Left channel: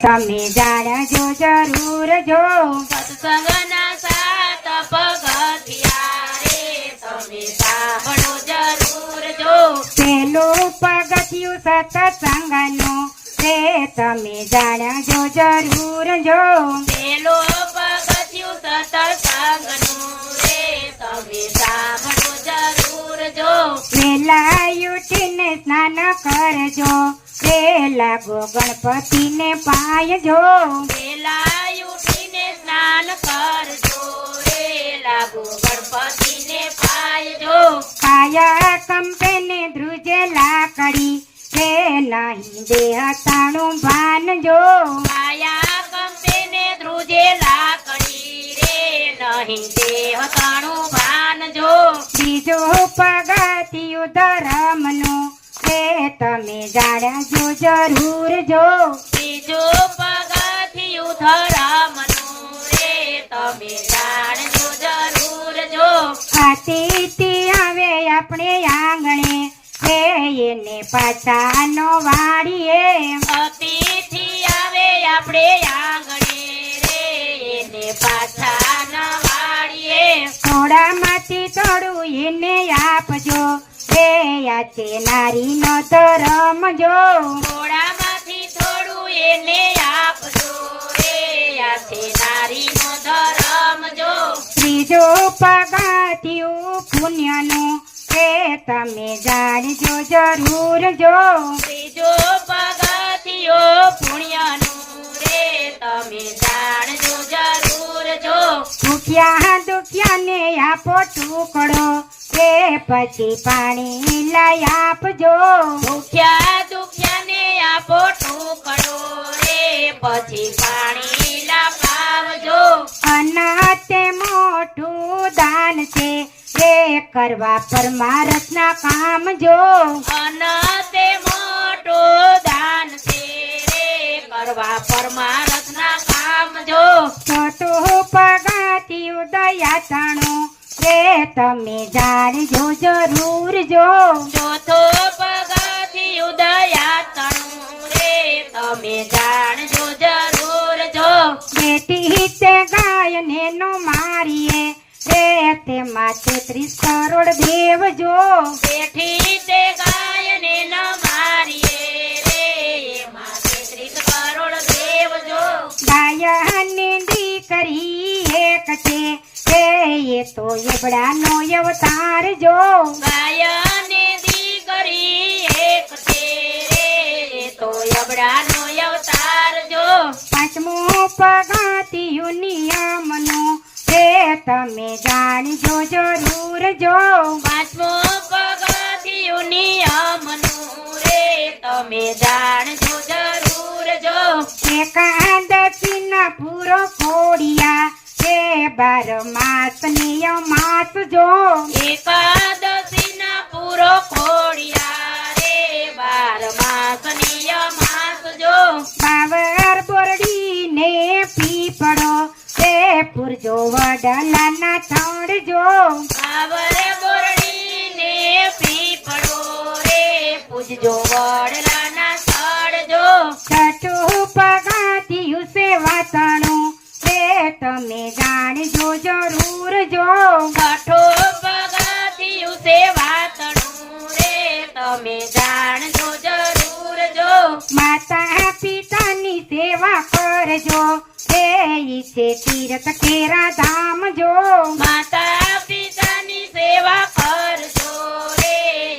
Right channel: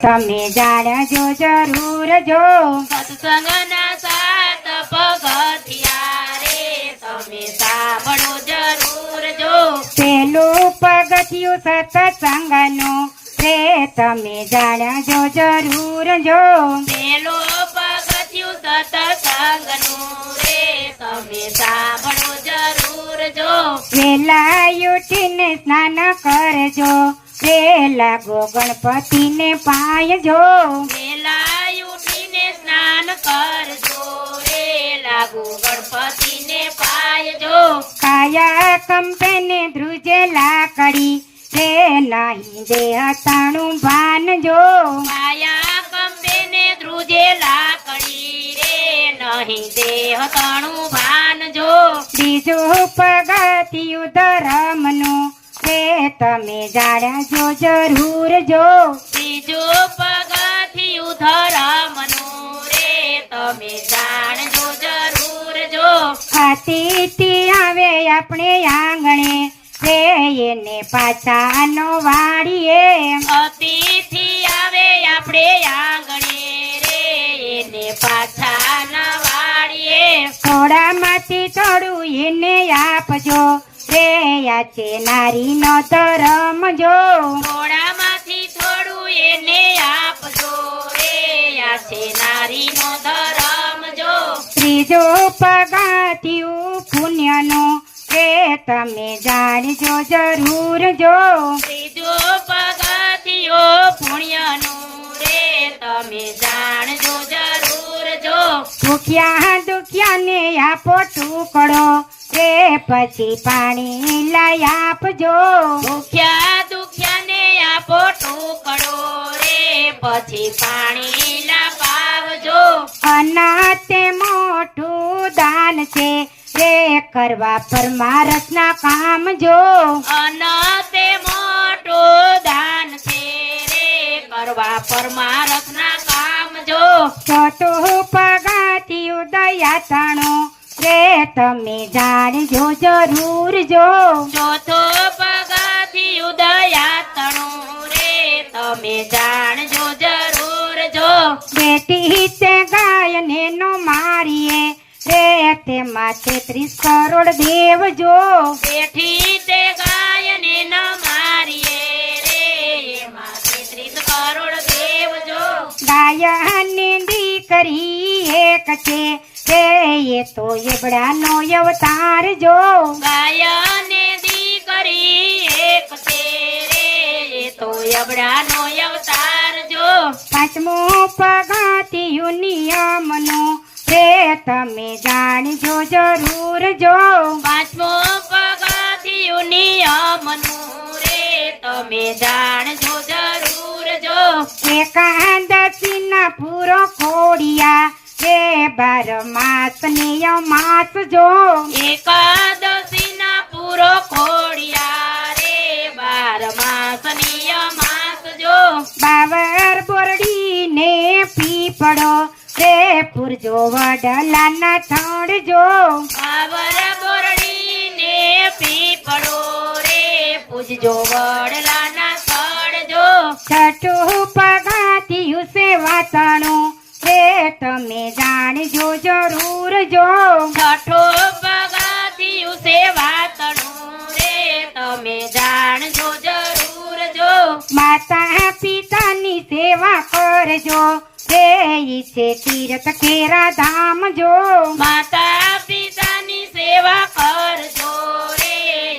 તમે જાણજો જરૂર જો સત્સંગના સાત પગથિયા રે તમે સાંભળો જરૂર જો પેલું પગથિયું સત્સંગનું રે તમે જાણજો જરૂર જો પેલો પગથિયું સત્સંગનું રે તમે સાંભળો જરૂર જો વેલા ઉઠીને સ્નાન કરજો લાગો ગણપતિને પાયજો વેલા ઉઠીને સ્નાન કરજો રે લાગુ ગણપતિને પાયજો કાયા કંપેને ધ્રુજે લાકડી રે નહીં દેહ તાણું ભાનજો કાયા કંપેને ધ્રુજે લાકડી રે નહીં દેહ તણું ભાનજો બીજું પગથિયું ધર્મનું રે તમે જાણજો જરૂર જો બીજું પગથિયું ધર્મનું રે તમે જાણજો જરૂર જો આતિથી આવે આપણે આંગણે રે એને પાછાનો વાળીએ અતિથિ આવે આપણે આંગણે રે એને પાછા ન વાળીએ થોડામાંથી થોડું એને આપજો રે આ છે નારીનો ધર્મ જો થોડામાંથી થોડું એને આપજો રે આ છે નારીનો ધર્મ જો ત્રીજું પગથિયું પુણ્યનું રે તમે જાણજો જરૂર જો ત્રીજો પગથિયો પુણ્યનું રે તમે જાણજો જરૂર જો ભૂખ્યા દુખ્યાને આપો ટુકડો રે પછી પાણી લઈ આપજો ભૂખ્યા દુખ્યાને આપો ટુકડો રે પછી પાણી લાવજો અનાથે મોટું દાન છે રે કરવા પરમારથના કામ જો અનતે મોટું દાન છે રે કરવા પરમારથના કામ જો ચોથું પગથિયું દયાતાણું રે તમે જાણજો જરૂર જો ચોથો પગથિયું દયાતણું રે તમે જાણજો જરૂર જો બેટી છે ગાયને નો મારીએ રે તેમાં 33 કરોડ દેવ જો બેઠી તે ગાયને ન મારીએ રે એમાં 33 કરોડ દેવ જો ગાયની દીકરી એક છે રે એ તો એબડાનો અવતાર જો ગાયને દીકરી એક છે રે એ તો અબડાનો અવતાર જો પાંચમું પગથિયું નિયમનું રે તમે જાણજો જરૂર જો પાંચમો પગથિયું નિયમનું રે તમે જાણજો જરૂર જો એકાદશીના પૂરો ખોડિયા રે 12 માસ નિયમાસ જો એકાદશીના પૂરો ખોડિયા રે 12 માસ નિયમાસ જો બાવર બોરડીને પીપળો રે પૂરજો વડલાના થડ જો બાવર બોરડીને પીપળો રે પૂજજો વડલાના સ્થળ જો છઠ્ઠું પગથિયું સેવાતણું રે તમે જાણજો જરૂર જો છઠ્ઠો પગથિયું સેવાતણું રે તમે જાણજો જરૂર જો માતા પિતાની સેવા કરજો રે ઈ છે તીર્થ કેરા ધામ જો માતા પિતાની સેવા કરજો રે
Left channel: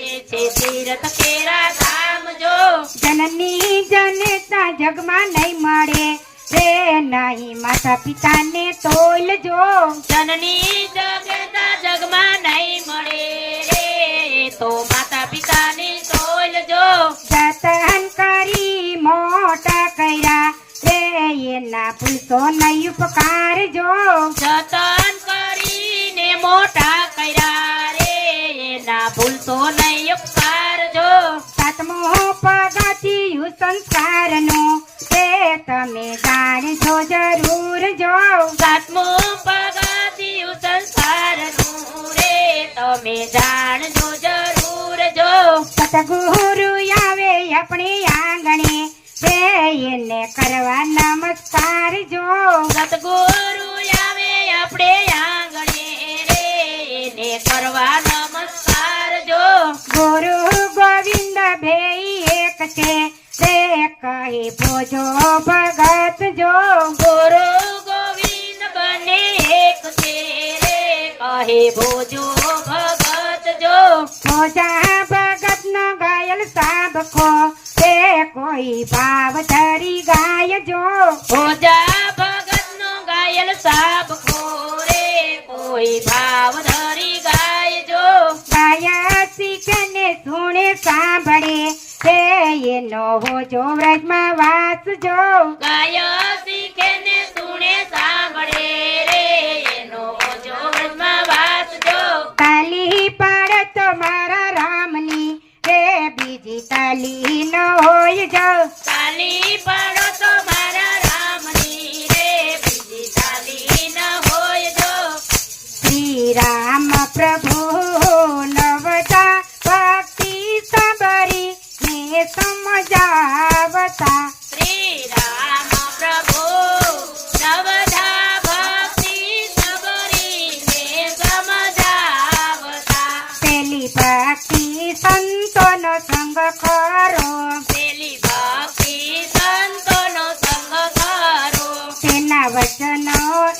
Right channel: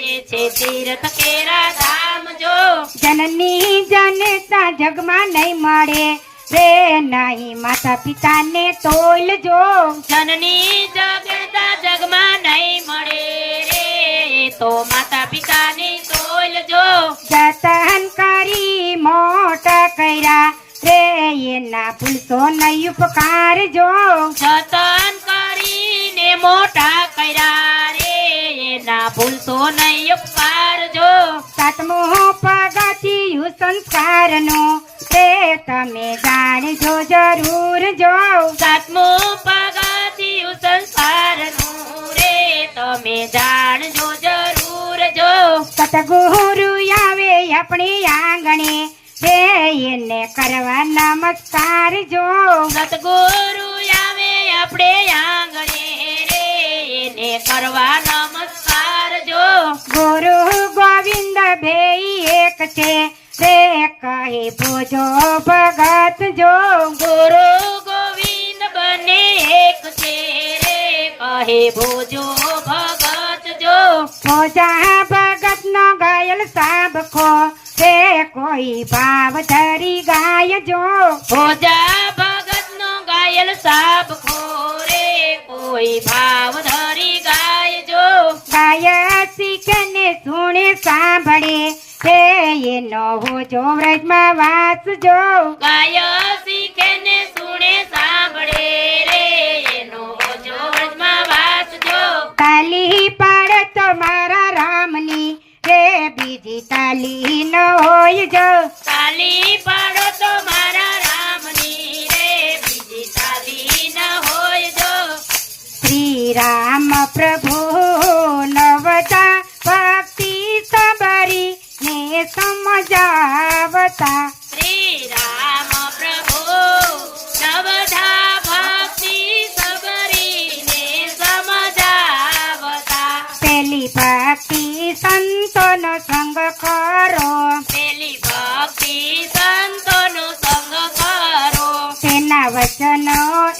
એ છે તીર્થ કેરા ધામ જો જનની જનતા જગમાં નહીં મળે રે નહીં માતા પિતાને તોલજો જનની જગતા જગમાં નહીં મળે રે એ તો માતા પિતાની તોલજો જતન કરી મોટા કર્યા રે એના ભૂલશો નહીં ઉપકાર જો જતન કરીને મોટા કર્યા રે એના ભૂલશો નહીં ઉપકાર જો સાતમું પગથિયું સંસ્કારનું રે તમે જાણજો જરૂર જો સાતમો પગથિયું સંસારનું રે તમે જાણજો જરૂર જો સતગુરુ આવે આપણે આંગણે રે એને કરવા જો સતગુરુ આવે આપણે આંગણે રે એને કરવા નમસ્કાર જો ગુરુ ગોવિંદ બે એક છે રે કહે ભોજો ભગત જો ગુરુ ગોવિંદ બંને એક છે રે કહે ભોજો ભગત જો ભોજા ભગત નો ગાયલ સાબખો રે કોઈ ભાવ ધરી ગાય જો ભોજા ભગત નો ગાયલ સાબ ખોરે કોઈ ભાવ ધરી ગાય જો ગાય શીખે ને સુણે સાંભળે હે એનો હોજો વ્રજમાં વાસ જો ગાય શીખે ને સુણે સાંભળે રે એનો ઓજો વ્રજમાં વાસ જો તાલી પાડે તો મારા રામની રે બીજી તાલી ન હોય જો તાલી પાડો તો મારા રામની રે બીજી તાલી ન હોય જો શ્રી રામ પ્રભુ નવતા ભક્તિ સબરી ને સમજાવતા શ્રી રામ પ્રભુ નવધા ભક્તિ સબરીને સમજાવતા પેલી ભક્તિ સંતોનો સંગ કરો પેલી ભક્તિ સંતોનો સંગ કરો તેના વચનો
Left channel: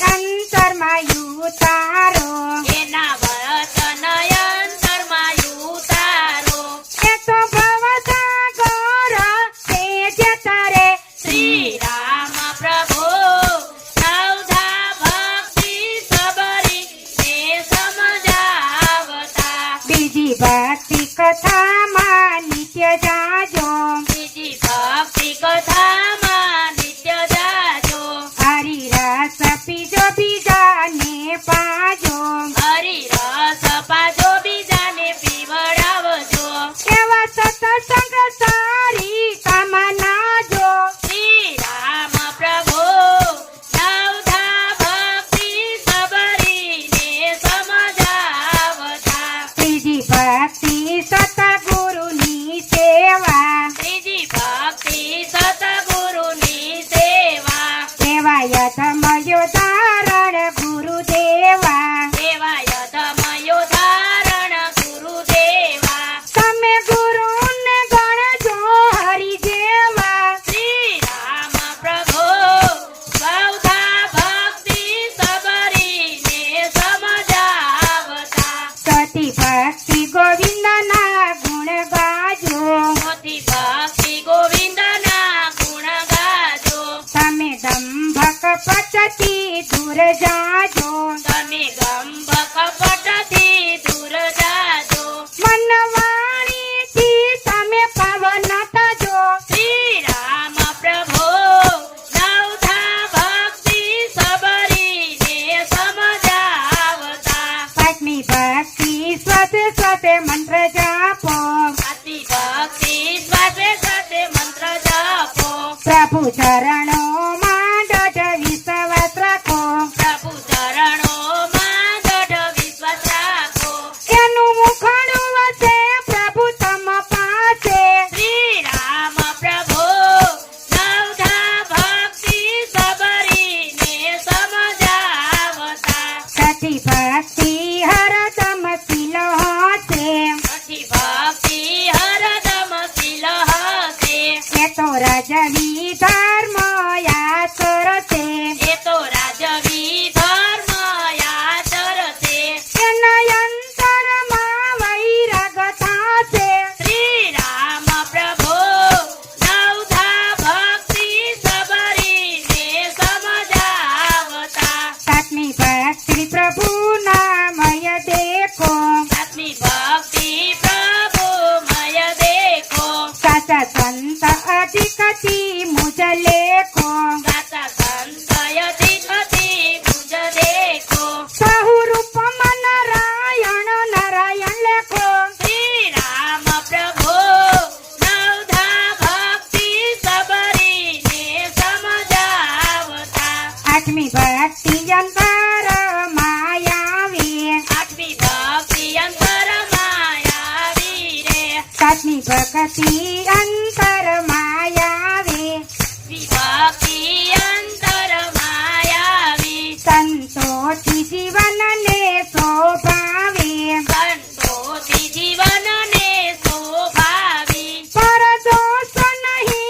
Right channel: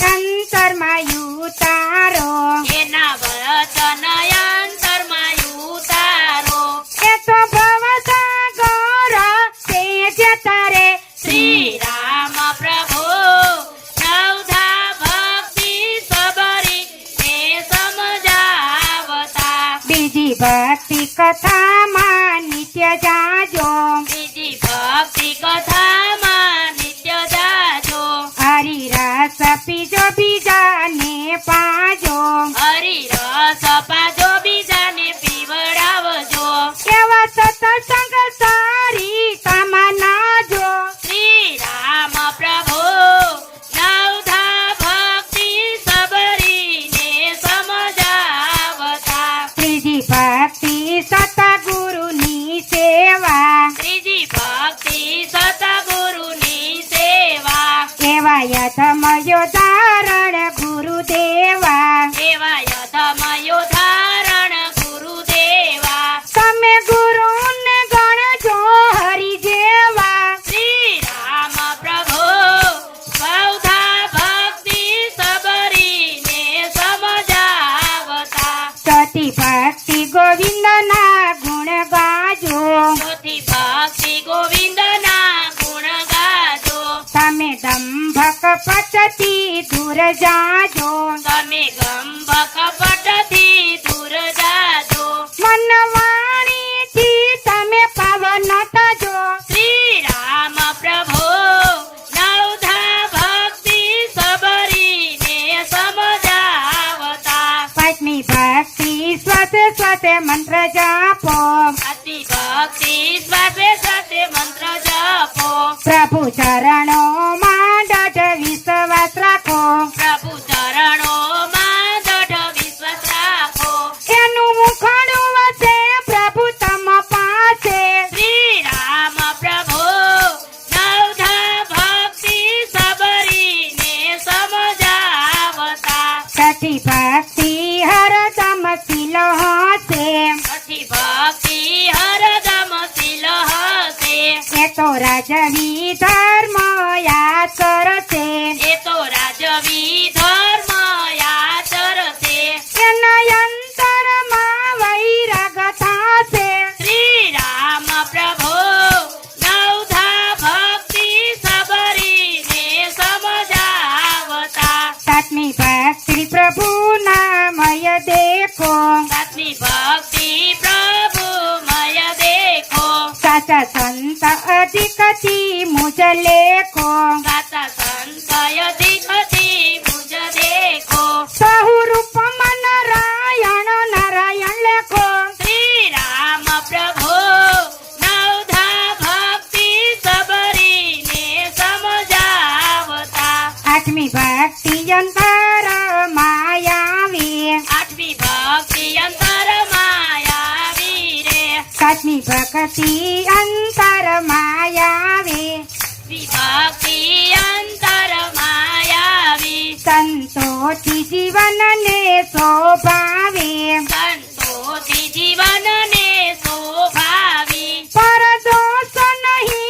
અંતરમાં ઉતારો એના વચન અંતરમાં ઉતારો એ તો ભવસાગર તે જતા રે શ્રી રામ પ્રભુ નવધા ભક્તિ સબરીને સમજાવતા બીજી ભક્તિ કથામાં નિત્ય જાજો બીજી ભક્તિ કથામાં નિત્ય જાજો હરિરસ પીજો બીજાને પાજો હરિરસ પાજો બીજાને પીવડાવજો એવા સત્સંગ સારી તમના જો શ્રી રામ પ્રભુ નવધા ભક્તિ સબરીને સમજાવતા ત્રીજી ભક્તિ સતગુરુની સેવા ત્રીજી ભક્તિ સતગુરુની સેવા સેવાય ધમયો ધારણ ગુરુદેવા સેવા યથમયો ધારણ ગુરુદેવા તમે ગુરુને ગણજો હરિ જેવા શ્રી રામ પ્રભુ નવધા ભક્તિ સબરીને સમજાવતા સતી ભક્તિ ગોવિંદના ગુણ ગાજો ચોથી ભક્તિ ગોવિંદના ગુણ ગાજો તમે દંભ કપટથી દૂર જાજો તમે ગંભ કપટથી દૂર જાજો મન વાણીથી તમે પાવન થજો શ્રી રામ પ્રભુ નવધા ભક્તિ સબરીને સમજાવતા પાંચમી ભક્તિ સ્વસે સ્વસે મંત્ર જાપો અતિ ભક્તિ શ્વાસે શ્વાસે મંત્ર જપો પ્રભુ ચરણોમાં દઢ વિશ્વાસ રાખો પ્રભુ ચરણોમાં દઢ વિશ્વાસ રાખો એનું મુખડું વસે પ્રભુ તમ પાસે શ્રી રામ પ્રભુ નવધા ભક્તિ સબરીને સમજાવતા સતી ભક્તિ હરદમ શીલ હશે અતિ ભક્તિ હરદમ શીલ હશે એ તો રાજવી ધર્મ યાચર છે એ તો રાજવી ધર્મ આચરશે એના અંતરમાં વૈરાગ થશે શ્રી રામ પ્રભુ નવધા ભક્તિ સબરીને સમજાવતા સાતમી ભક્તિ પ્રભુ નામય દેખો સાતમી ભક્તિ પ્રભુ મય દેખો સાચા સંત અધિકથી મુજ લેખો સાતા સંતય દીકતી મુજ દેખો સહુ રૂપ નારાયણ નારાયણ લેખો શ્રી રામ પ્રભુ નવધા ભક્તિ સબરીને સમજાવતા આઠમી ભક્તિ અંતર માયાવી આઠમી ભક્તિ અંતરમાં આવી રે સાતમી ભક્તિ